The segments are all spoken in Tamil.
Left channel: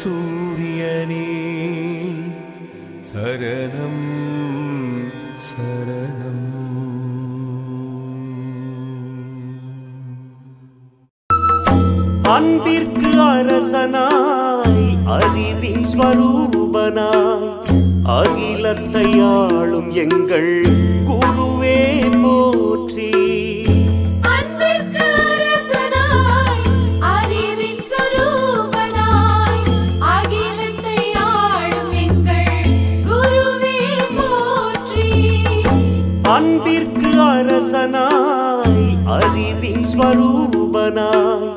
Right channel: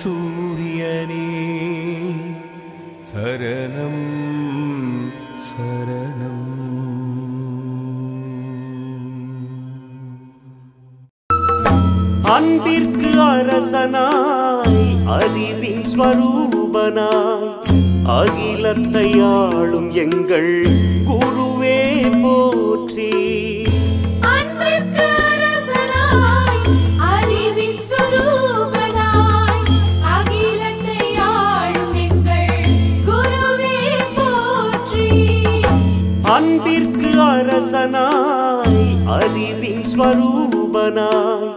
சூரியனே சரணம் சரணம். அன்பிற்கு அரசனாய் அறிவின் ஸ்வரூபனாய் அகிலத்தை ஆளும் எங்கள் குருவே போற்றி. அன்பிற்கு அரசனாய் அறிவின் ஸ்வரூபனாய் அகிலத்தை ஆளும் எங்கள் குருவே போற்றி. அன்பிற்கு அரசனாய் அறிவின் ஸ்வரூபனாய்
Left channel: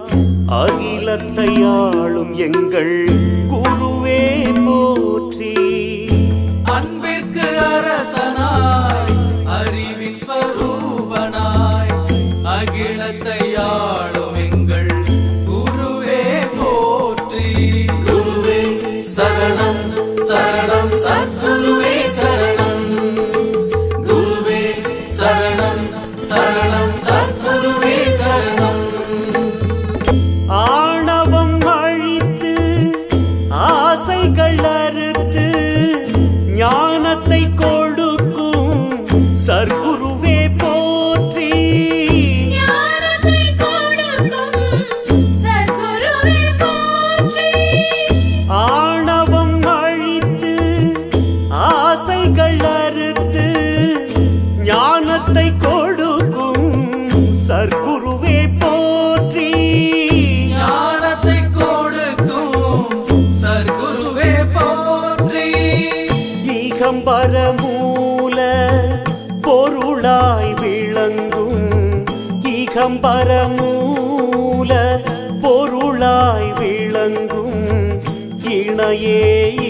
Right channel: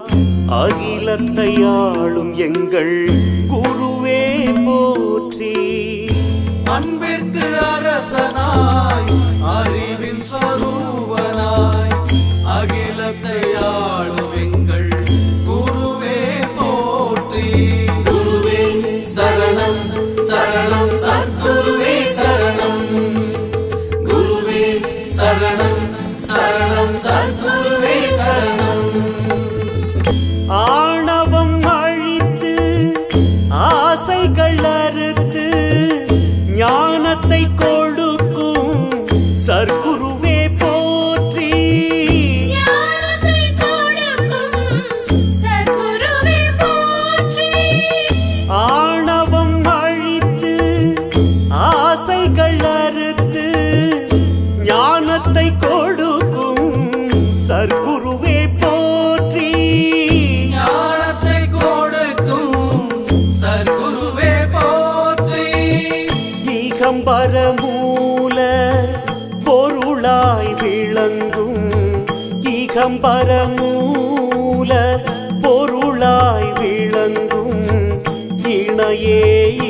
அகிலத்தை ஆளும் எங்கள் குருவே போற்றி. அன்பிற்கு அரசனாய் அறிவின் ஸ்வரூபனாய் அகிலத்தை ஆளும் எங்கள் குருவே போற்றி. குருவே சரணம் சரணம் சத்குருவே சரணம். குருவே சரணம் சரணம் சத்குருவே சரணம். ஆணவம் அழித்து ஆசைகள் அறுத்து ஞானத்தை கொடுக்கும் சர்க்குருவே போற்றி. ஞானத்தை கொடுக்கும் சத்குருவே போற்றி. ஆணவம் அழித்து ஆசைகள் அறுத்து ஞானத்தை கொடுக்கும் சர்க்குருவே போற்றி. ஞானத்தை கொடுக்கும் சர்க்குருவே போற்றி. ஈகம்பர மூல பொருளாய் விளங்கும் ஈகம்பர மூல பொருளாய் விளங்கும் இணையே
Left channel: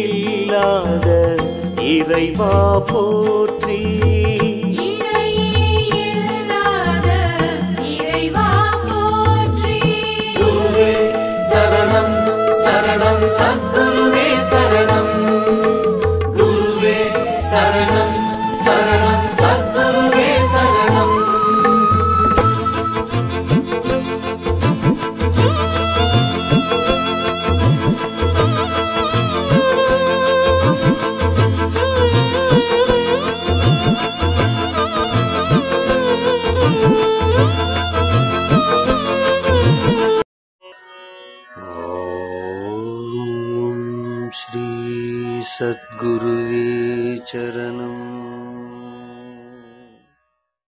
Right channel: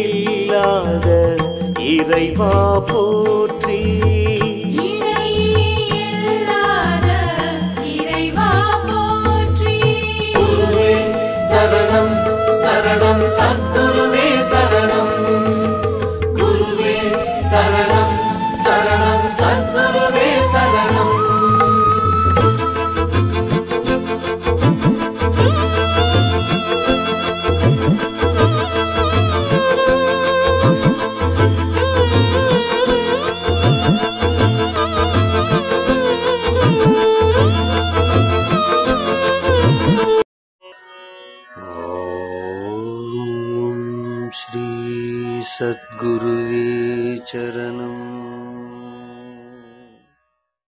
இல்லாத இறைவா போற்றி. சரணம் சரணம் சத்குருவே சரணம். குருவே சரணம் சரணம் சத்குருவே சரணம். श्री सद्गुरुवे चरणम्.